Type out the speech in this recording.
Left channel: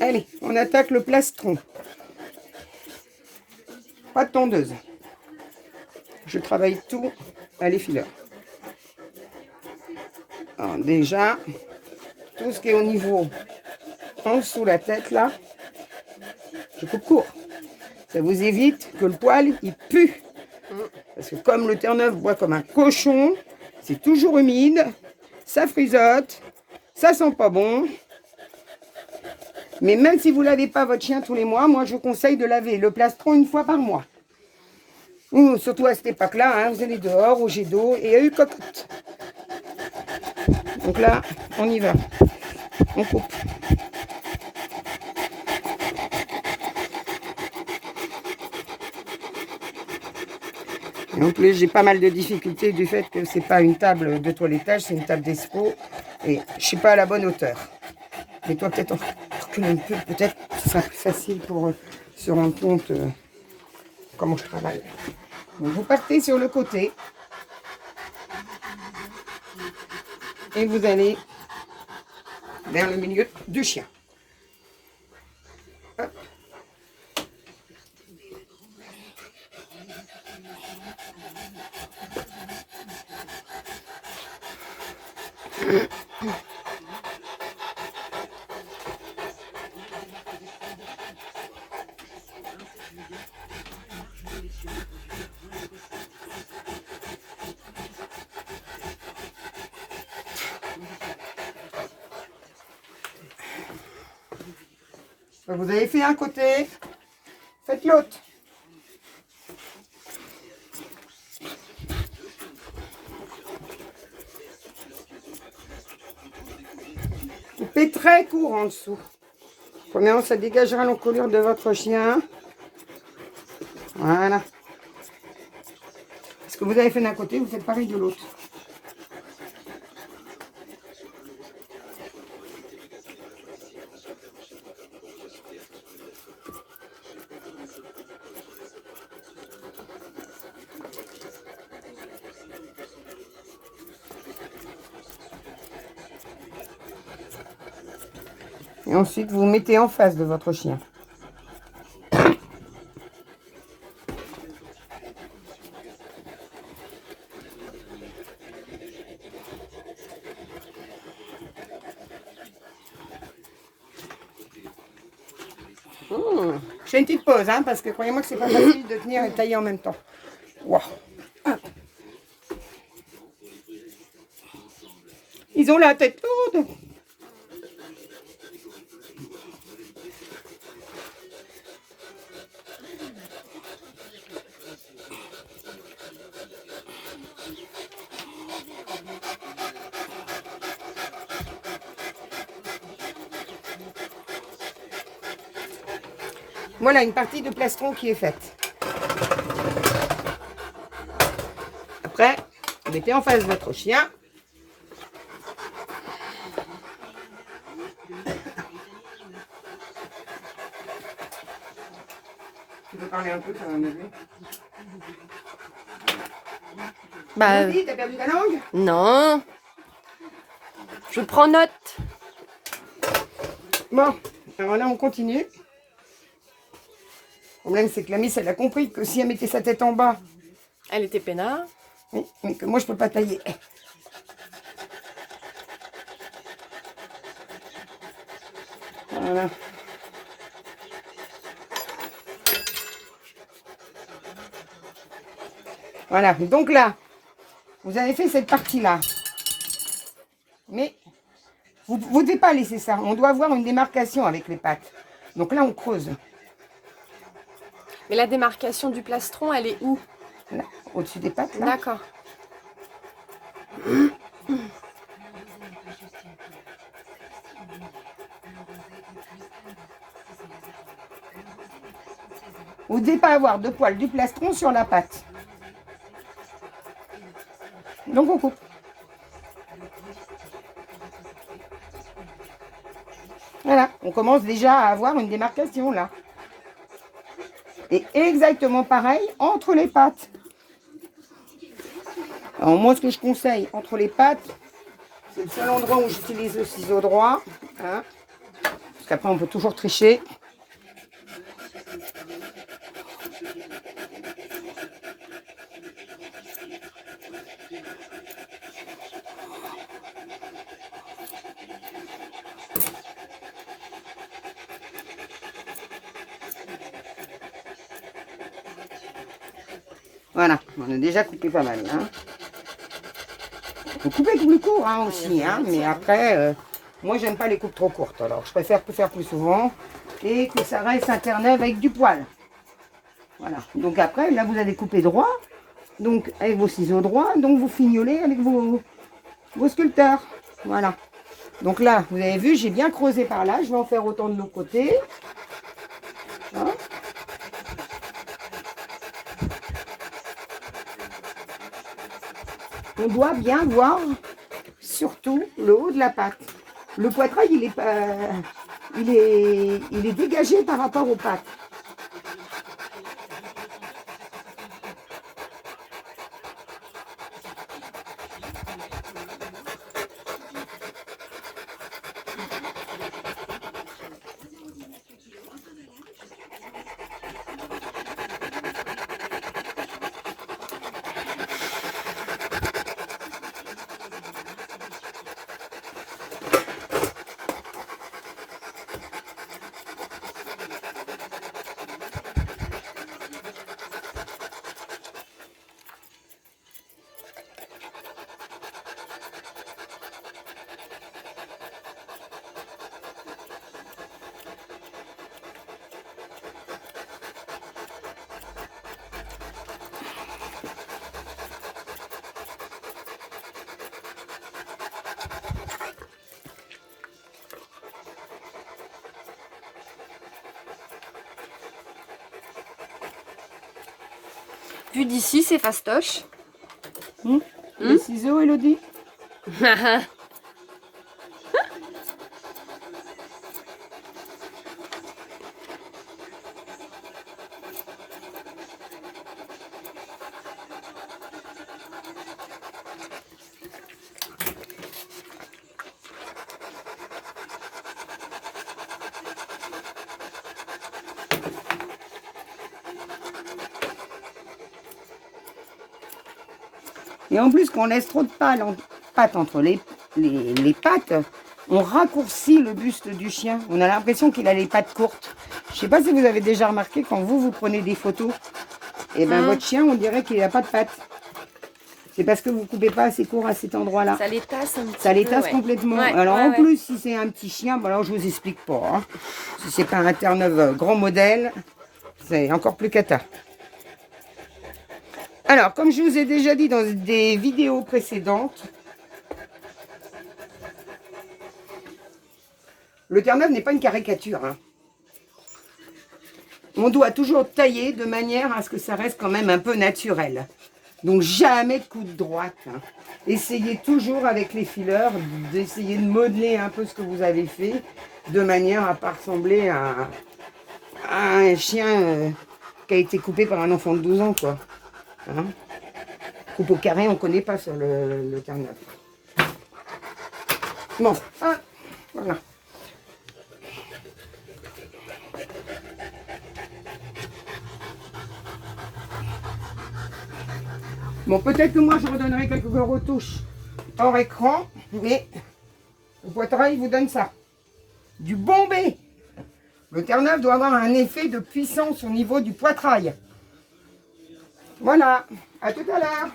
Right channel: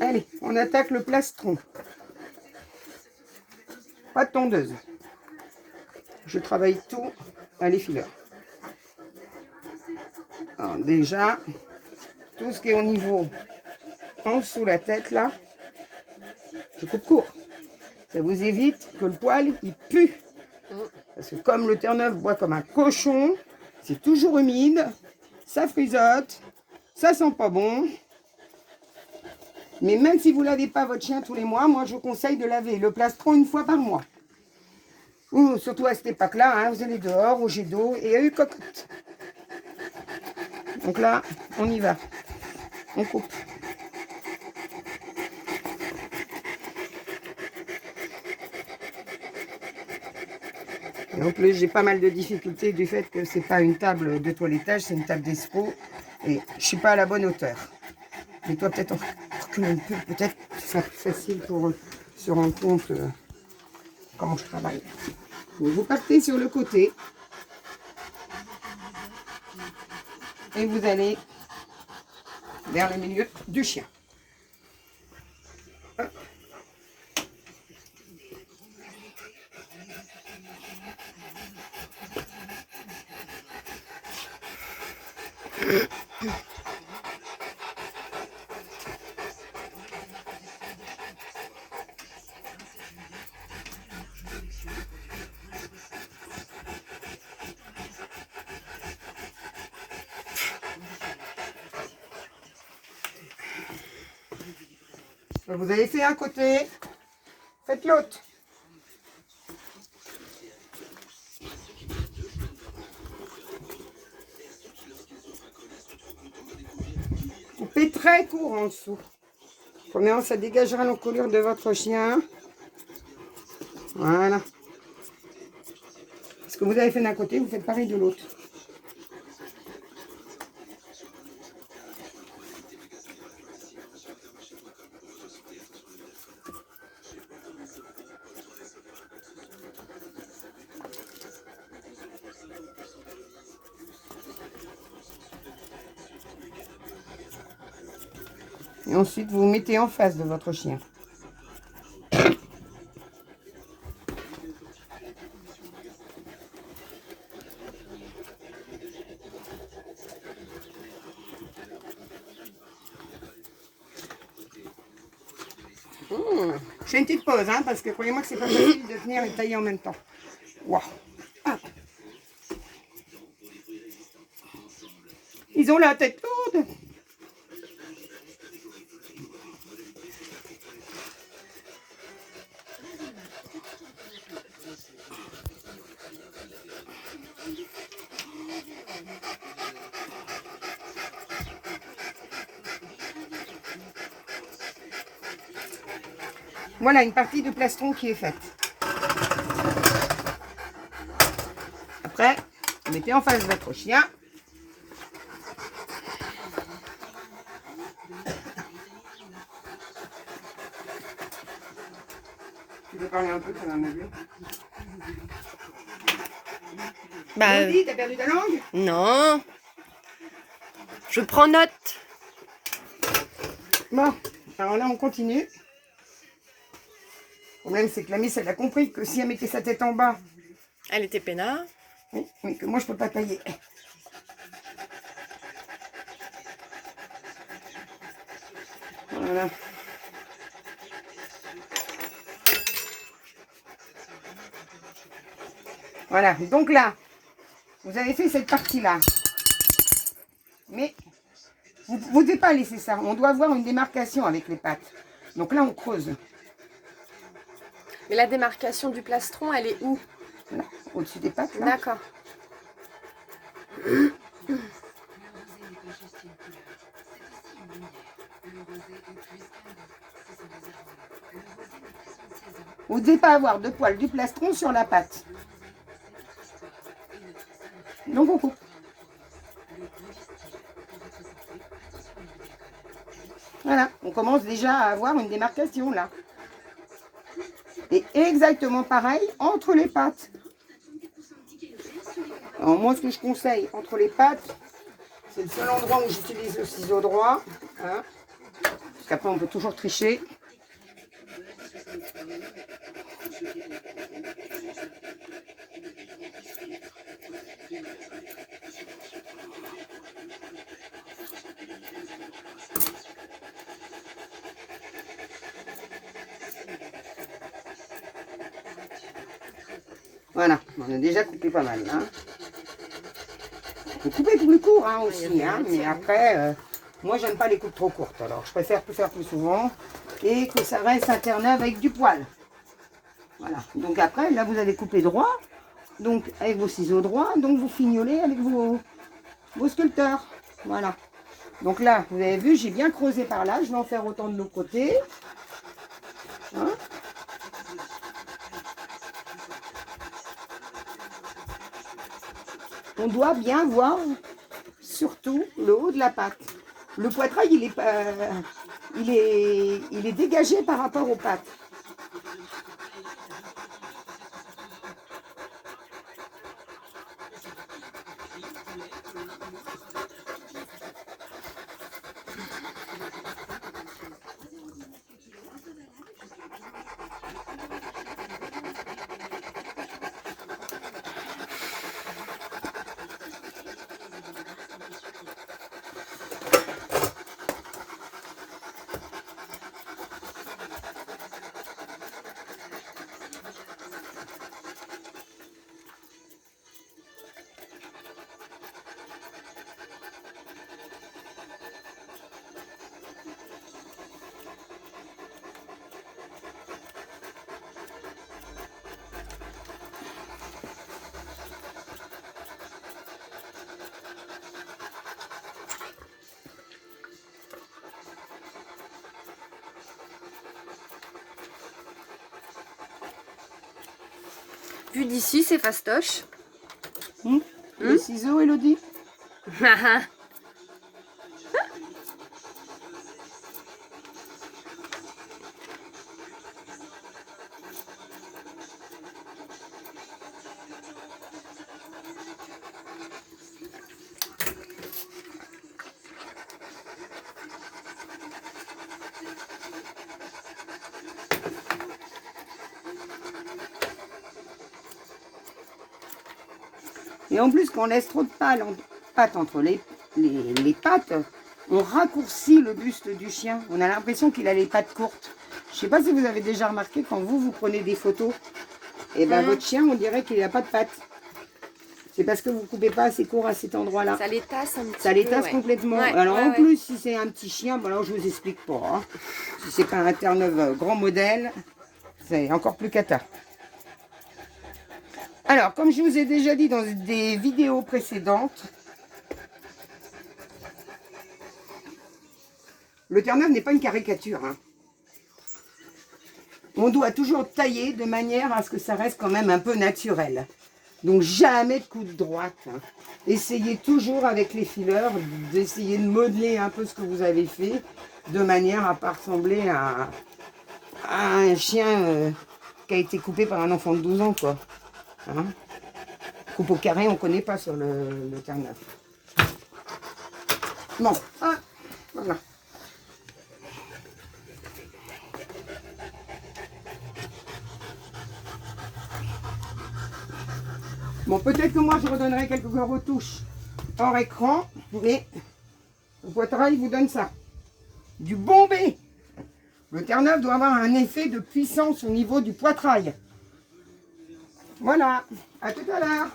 Allez, on attaque le plastron. Pas de tondeuse. Je travaille tout à l'effileur. Alors déjà, tout ce qui est au niveau en dessous la tête là, je coupe court. Ça vous évite que le poil il pue. Parce que comme le Terre-Neuve boit comme un cochon, c'est toujours humide, ça frisote, ça sent pas bon. Mais même si vous ne lavez pas votre chien tous les mois, moi je vous conseille de laver le plastron une fois par mois. Ou surtout à cette époque-là, hein, vous allez dehors, au jet d'eau et à une cocotte. Donc là, on y va. On coupe. Et en plus, j'ai pas mal de difficultés du fait que c'est pas une table de toilettage, c'est une table d'expo. Et je suis pas à la bonne hauteur. Mais toi, peut-être reculer un peu, peut-être que ce sera plus facile pour se rendre compte comment je travaille. Donc, vous partez sur le côté. Et vous allez vers le milieu du chien. Hop. Vous avez fait un côté, faites l'autre. Coupez très court en dessous. Premièrement, ça dégagera l'encolure de votre chien. Voilà. Ce que vous avez fait d'un côté, vous faites pareil de l'autre. Et ensuite, vous vous mettez en face de votre chien. Je fais une petite pause, hein, parce que croyez-moi que c'est pas facile de tenir et tailler en même temps. Wow. Ils ont la tête lourde. Voilà une partie de plastron qui est faite. Après, vous mettez en face votre chien. Tu veux parler un peu, ça va m'aider. Bah, T'as perdu ta langue? non. Je prends note. Bon, alors là on continue. Le problème c'est que la miss elle a compris que si elle mettait sa tête en bas, Elle était peinard. oui, mais que moi je peux pas tailler. Voilà. Voilà, donc là, vous avez fait cette partie-là. Mais vous ne devez pas laisser ça. On doit avoir une démarcation avec les pattes. Donc là, on creuse. Mais la démarcation du plastron, elle est où? Là, au-dessus des pattes. Là. D'accord. Vous ne devez pas avoir de poil du plastron sur la patte. Donc on coupe. Voilà, on commence déjà à avoir une démarcation là. Et exactement pareil entre les pattes. Alors moi ce que je conseille entre les pattes, c'est le seul endroit où j'utilise le ciseau droit. Hein, qu'après, on peut toujours tricher. Voilà, on a déjà coupé pas mal. Hein. Faut couper plus court hein, aussi, hein, mais après, moi j'aime pas les coupes trop courtes, alors je préfère tout faire plus souvent et que ça reste un Terre-Neuve avec du poil. Voilà, donc après, là vous allez couper droit, donc avec vos ciseaux droits, donc vous fignolez avec vos sculpteurs. Voilà, donc là, vous avez vu, j'ai bien creusé par là, je vais en faire autant de l'autre côté. Hein. On doit bien voir surtout le haut de la pâte. Le poitrail, il est dégagé par rapport aux pattes. Vu d'ici, c'est fastoche. Les ciseaux, Elodie? Et en plus, quand on laisse trop de pâte entre les pattes, on raccourcit le buste du chien. On a l'impression qu'il a les pattes courtes. Je ne sais pas si vous avez déjà remarqué, quand vous prenez des photos, et ben votre chien, on dirait qu'il n'a pas de pattes. C'est parce que vous ne coupez pas assez court à cet endroit-là. Ça les tasse un petit peu. Ça les tasse complètement. Ouais, alors en plus, si c'est un petit chien, bon, alors je vous explique pas. Hein. Si c'est pas un Terre-Neuve grand modèle, c'est encore plus cata. Alors, comme je vous ai déjà dit dans des vidéos précédentes, le Terre-Neuve n'est pas une caricature. Hein. On doit toujours tailler de manière à ce que ça reste quand même un peu naturel. Donc jamais de coup de droite. Hein. Essayez toujours avec les fileurs d'essayer de modeler un peu ce que vous avez fait, de manière à ne pas ressembler à un chien qui a été coupé par un enfant de 12 ans. Quoi. Hein. Coupe au carré, on ne connaît pas sur le Terre-Neuve. Bon, ah, voilà. Bon, peut-être que moi, je redonnerai quelques retouches hors écran, mais le poitrail vous donne ça. Du bombé. Le Terre-Neuve doit avoir un effet de puissance au niveau du poitrail. Voilà, à tout à l'heure.